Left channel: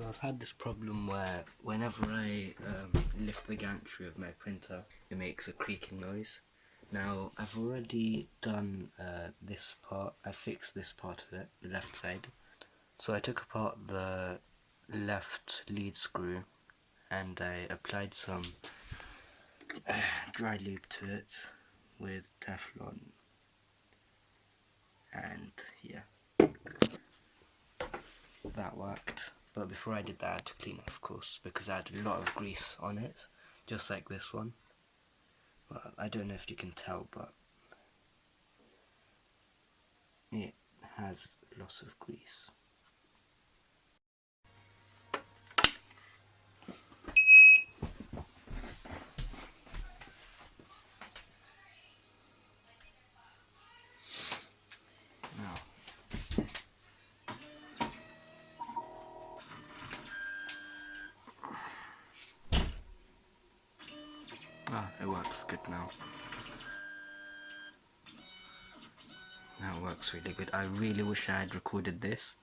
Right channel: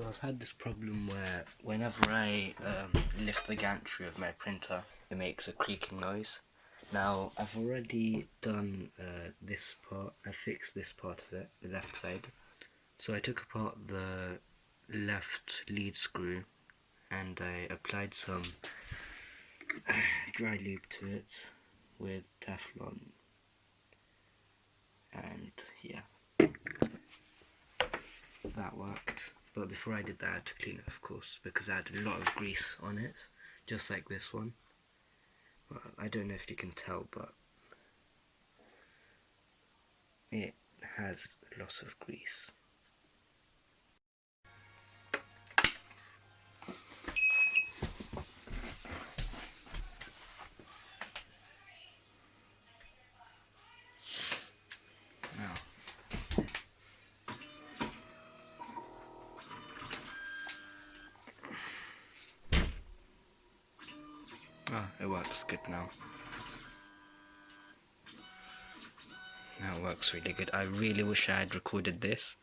So I've had this problem where whenever I lift the gantry of my printer, it makes a creaking noise. Now I've already done this part. I fixed this part of it, the left side. So I took apart the left lead screw and I applied some dry lube to it with Teflon, and yeah, that worked. But before I did that, I had to clean it, of course, because I had a lot of grease on it, just like this one. Well, I don't know if you can tell, but it has a lot of grease. Now, it works good now. Now it works really good. I really wish I had recorded this.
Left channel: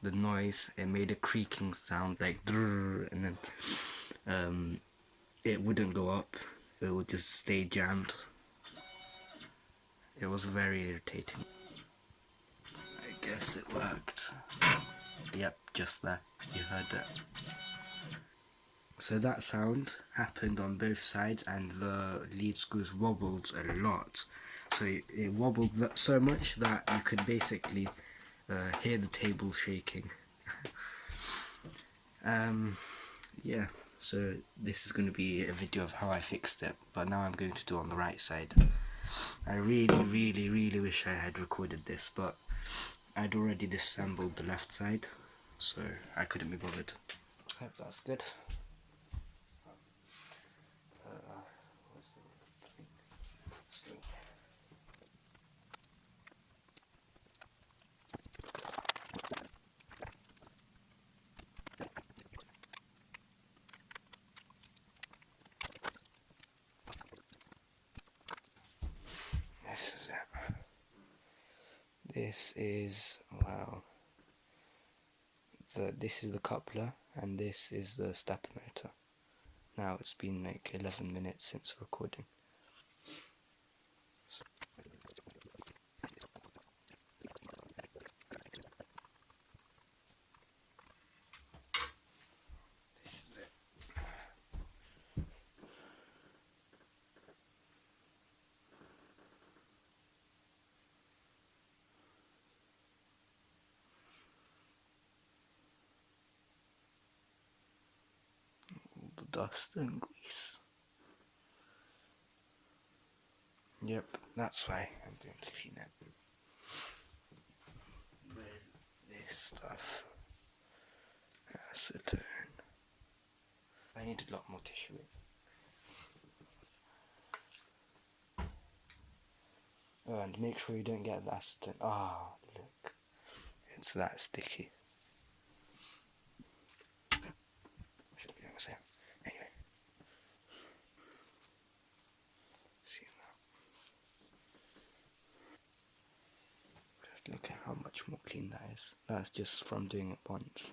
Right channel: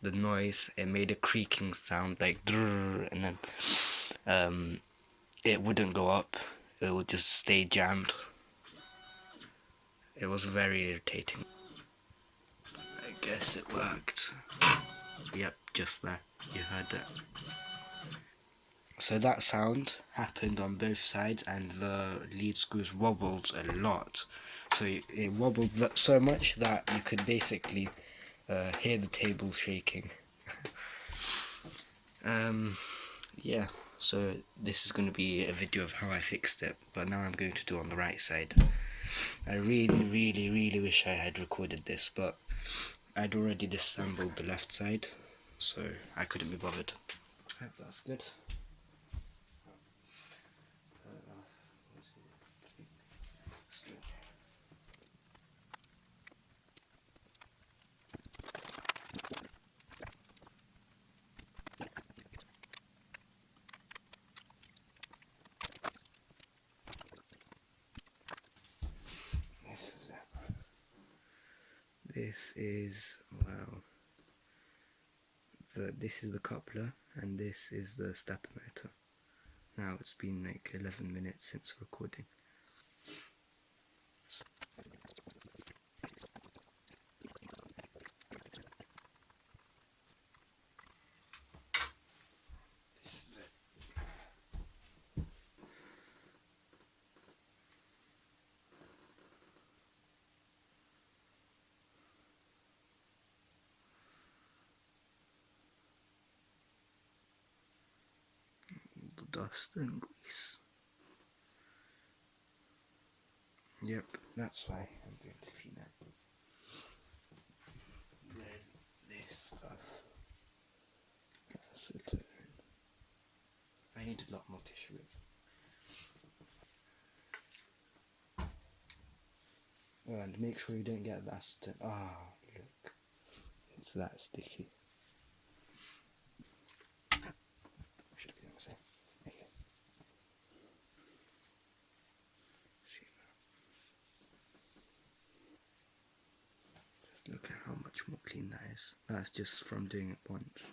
The noise, it made a creaking sound like drrrr, and then it wouldn't go up. It would just stay jammed. It was very irritating. I guess it worked. Yep, just there. You heard that. So that sound happened on both sides and the lead screws wobbled a lot. So it wobbled so much that you could basically hear the table shaking. Yeah, so this is going to be a video of how I fixed it, but now I'm going to do on the right side. I really wish I had recorded this, but I'd already disassembled the left side, so I couldn't be bothered. I hope that's good. This is it. This is, wow. This is the coupler and this is the stepper motor. Now it's been like 11 minutes since recording. This is it. All the dust and grease. Yep, that's why I'm going to clean it with this stuff. Acetone. I need a lot more tissue. Oh, and make sure you don't get the acetone. Ah, look, it's that sticky. Anyway, see that. Just look at how much more clean that is. That's just from doing it once.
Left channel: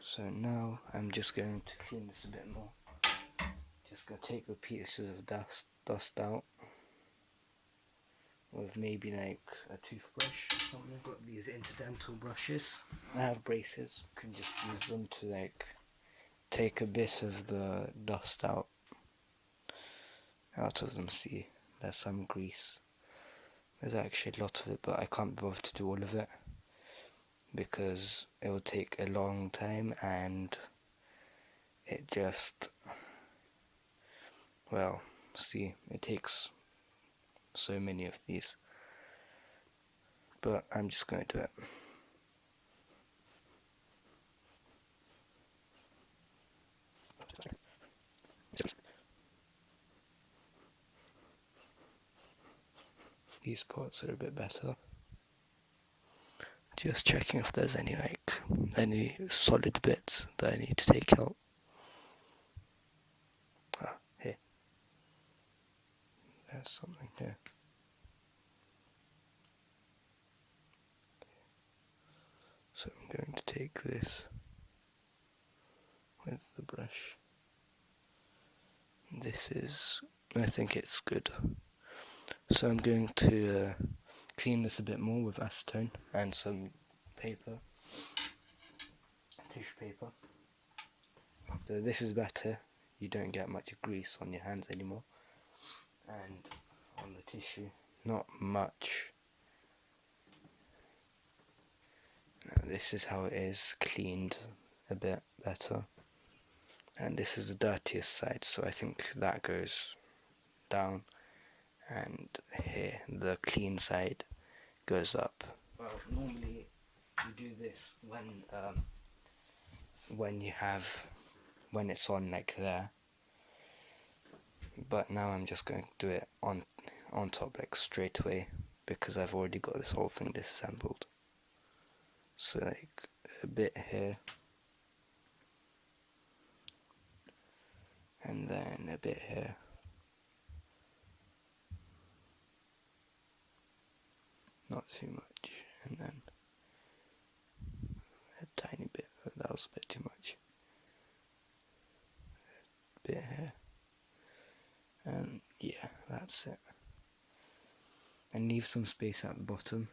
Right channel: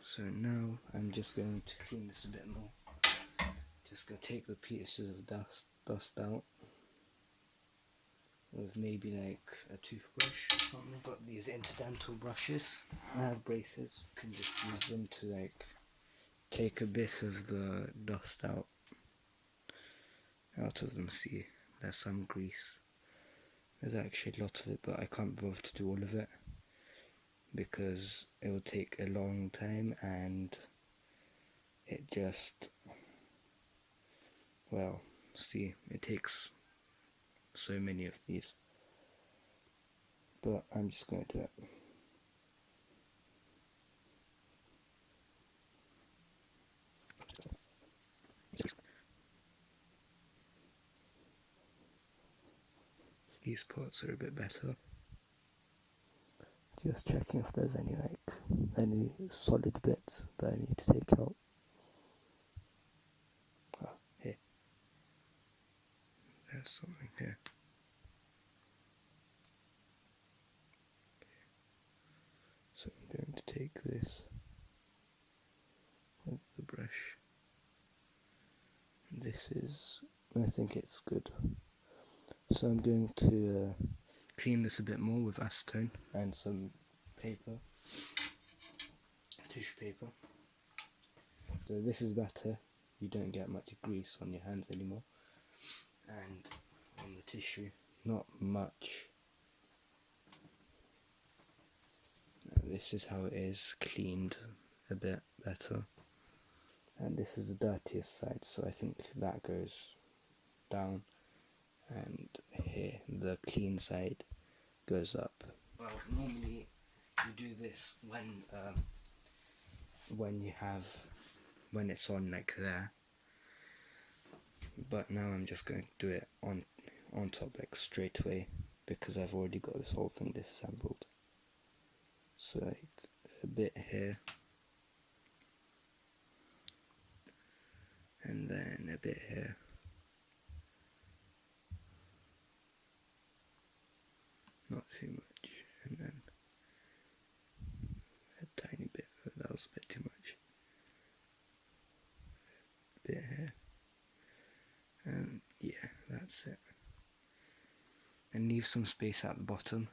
So now I'm just going to clean this a bit more. Just gonna take the pieces of dust out with maybe like a toothbrush or something. I've got these interdental brushes. I have braces. You can just use them to like take a bit of the dust out of them. See, there's some grease. There's actually a lot of it, but I can't be bothered to do all of it because it will take a long time and it just, well, see, it takes so many of these, but I'm just going to do it. These parts are a bit better. Just checking if there's any solid bits that I need to take out. Here. there's something here. So I'm going to take this with the brush. I think it's good. So I'm going to clean this a bit more with acetone and some paper, tissue paper. So this is better, you don't get much grease on your hands anymore. And on the tissue, not much. Now this is how it is, cleaned a bit better. And this is the dirtiest side, so I think that goes down. And here, the clean side goes up. Well, normally you do this when it's on like there. But now I'm just going to do it on top like straight away because I've already got this whole thing disassembled. So like a bit here. And then a bit here. Not too much, and then a tiny bit, that was a bit too much. A bit here. And yeah, that's it. And leave some space at the bottom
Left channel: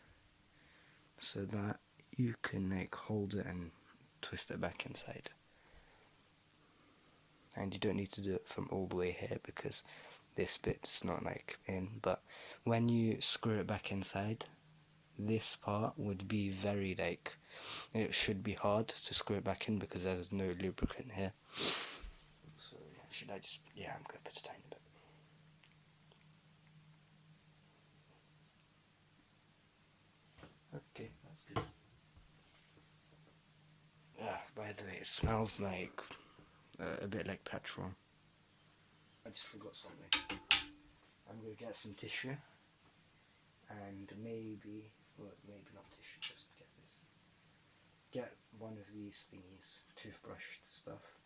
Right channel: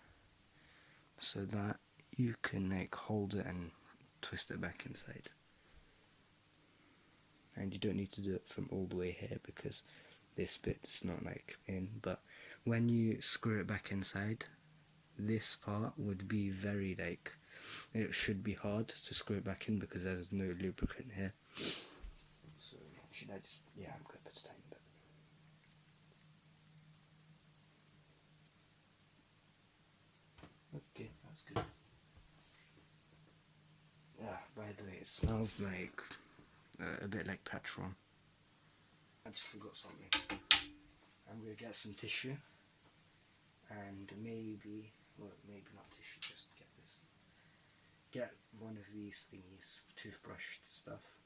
so that you can like hold it and twist it back inside. And you don't need to do it from all the way here because this bit's not like in, but when you screw it back inside, this part would be very like, it should be hard to screw it back in because there's no lubricant here. So should I just, yeah, I'm going to put a tiny bit. Okay, that's good. Yeah, by the way, it smells like a bit like petrol. I just forgot something. I'm going to get some tissue and maybe not tissue, just get one of these thingies, toothbrush stuff,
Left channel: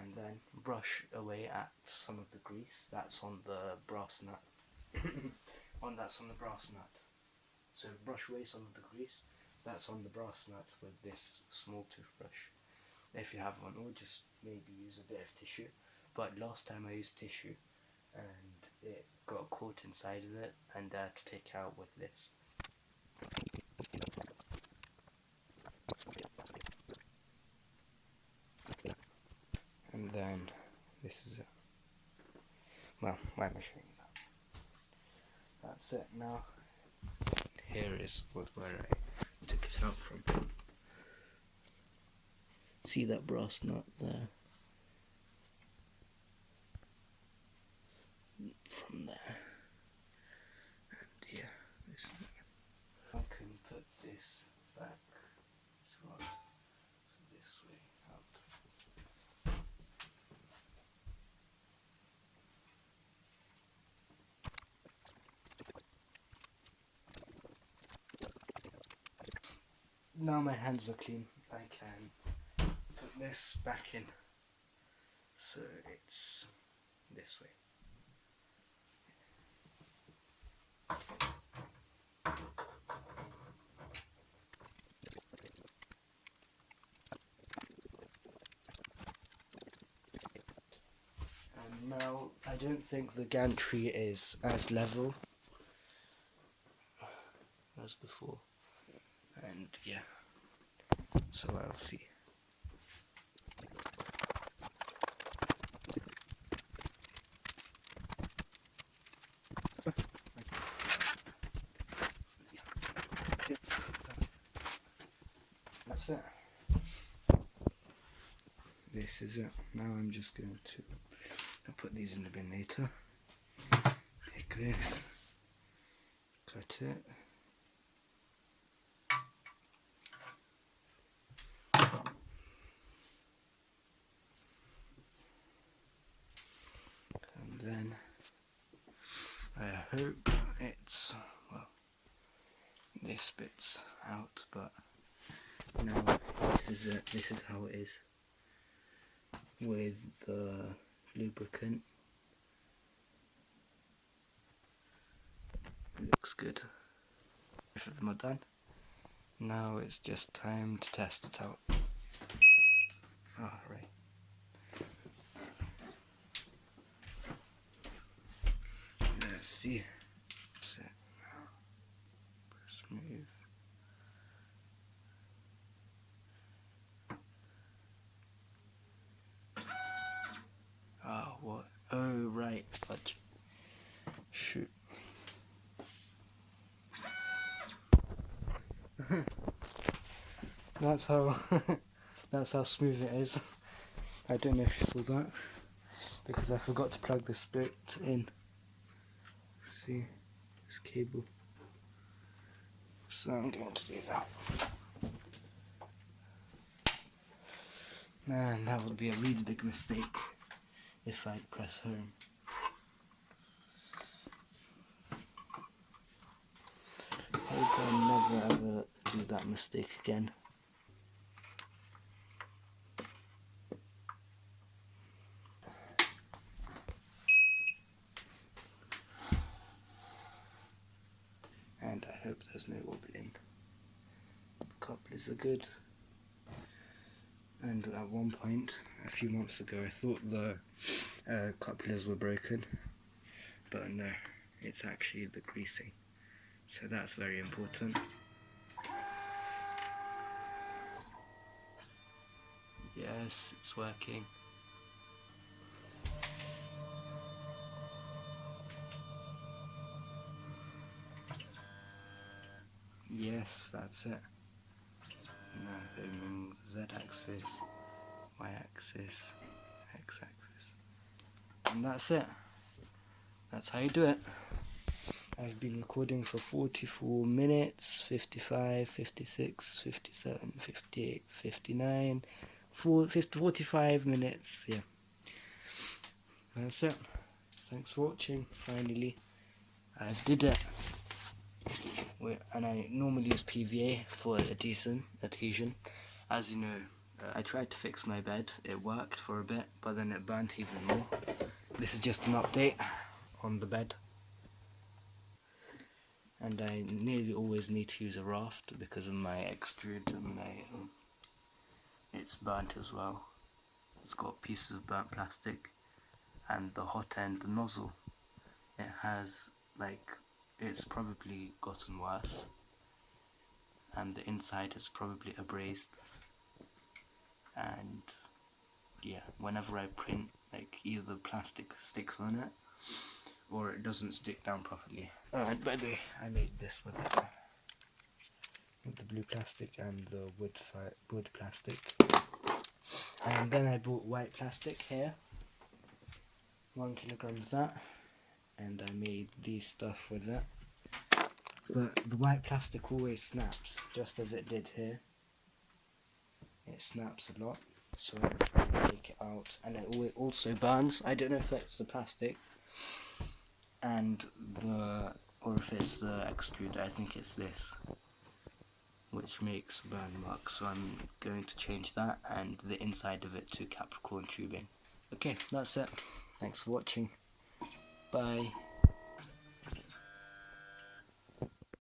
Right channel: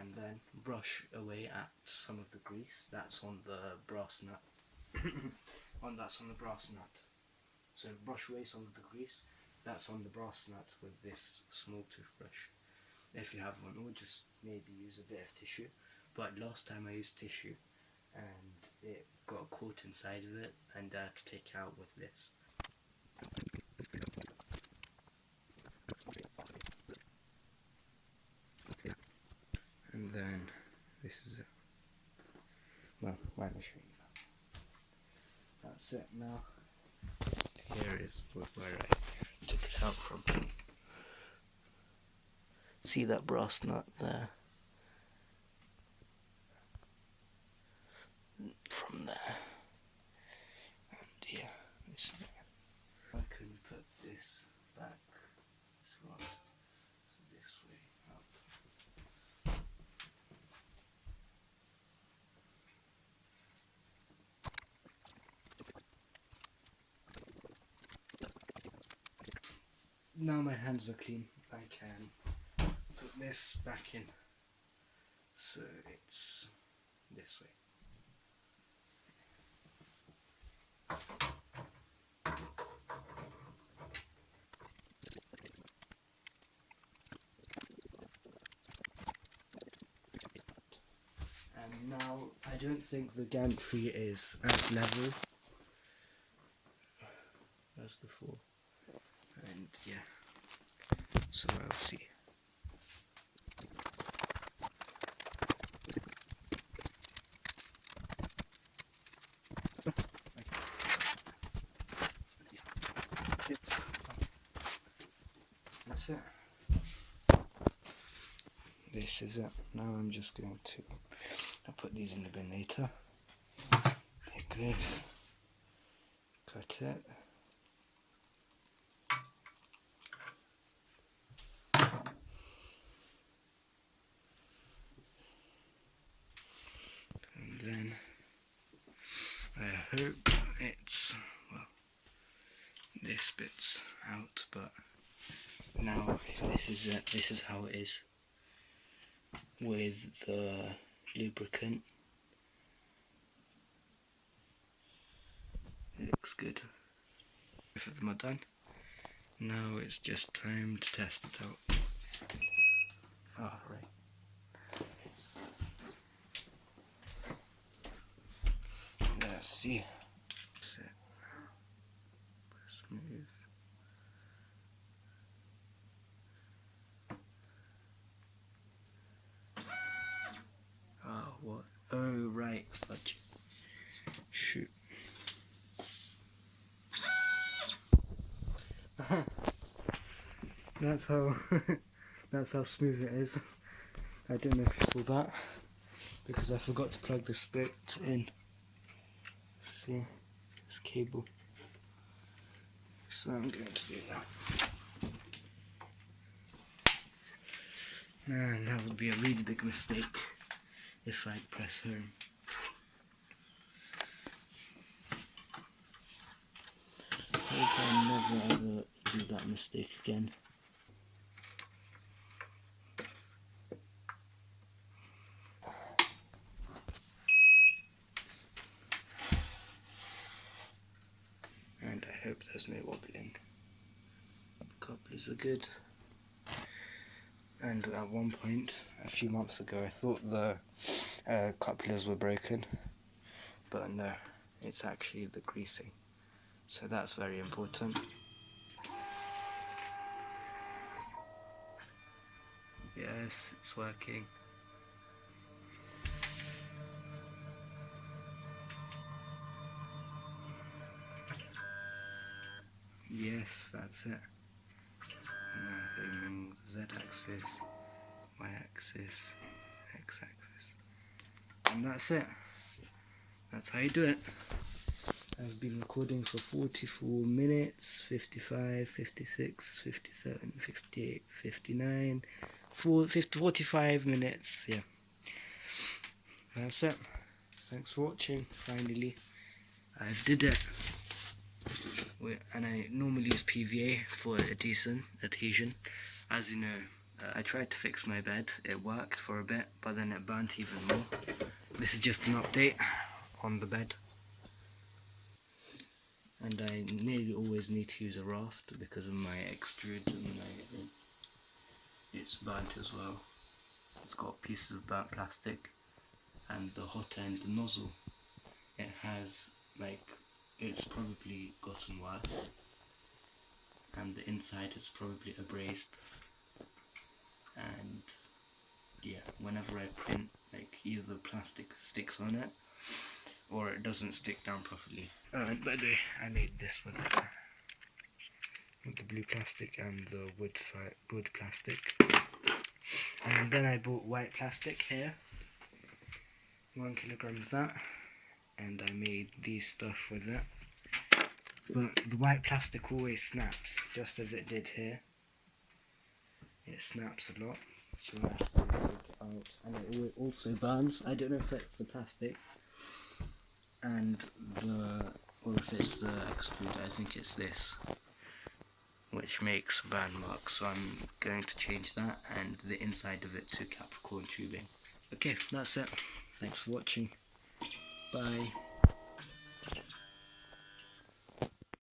and then brush away at some of the grease that's on the brass nut. That's on the brass nut. So brush away some of the grease that's on the brass nut with this small toothbrush. If you have one, or just maybe use a bit of tissue. But last time I used tissue and it got caught inside of it and I had to take it out with this. And then this is it. Well, let me show you that. That's it now. Here is where I took it out from. See that brass nut there? From there. And yeah, this is it. I can put this back as well. So this way up. Now my hands are clean, I can put this back in. So it's this way. And now I don't think the gantry is as level as before. And yeah, so I'll see. That's it. This is it. Now I'm just going to, I'll put these in the bin later. Take this, cut it. And then I hope it's, well, this bit's out, but now this is it. This is how it is with the lubricant. good. Both of them are done. Now it's just time to test it out. Oh, right. Let's see. That's it. Smooth. Oh, what? Oh, right. But shoot. That's how that's how smooth it is. I don't know if you saw that because I forgot to plug this bit in. See, this cable. So I'm going to do that. And that would be a really big mistake if I'd press home. I hope I never ever do that mistake again. And I hope there's no wobbling. Couplers are good. And at one point, a few months ago, I thought the couplers were broken, but no, it's actually the greasing. So that's very important. Yes, it's working. Yes, that's it. Aiming Z-axis, Y-axis, X-axis. And that's it. That's how you do it. I've been recording for 44 minutes, 55, 56, 57, 58, 59, 45 minutes, yeah. That's it. Thanks for watching, finally. I've did it. And I normally use PVA for a decent adhesion. As you know, I tried to fix my bed, it worked for a bit, but then it burnt even more. This is just an update on the bed. And I nearly always need to use a raft because of my extrude and it's burnt as well. It's got pieces of burnt plastic, and the hot end, the nozzle, it has it's probably gotten worse, and the inside is probably abrased. And yeah, whenever I print, either the plastic sticks on it or it doesn't stick down properly. By the way, I made this with the blue plastic and the wood plastic. And then I bought white plastic here, 1 kilogram of that, and I made these stuff with it. But the white plastic always snaps, just as it did here. It snaps a lot, so I have to take it out, and it also burns. I don't know if it's the plastic or if it's the extrude. I think it's this, which makes burn marks, so I'm going to change that and the inside of it to Capricorn tubing. Okay, that's it. Thanks for watching. Bye.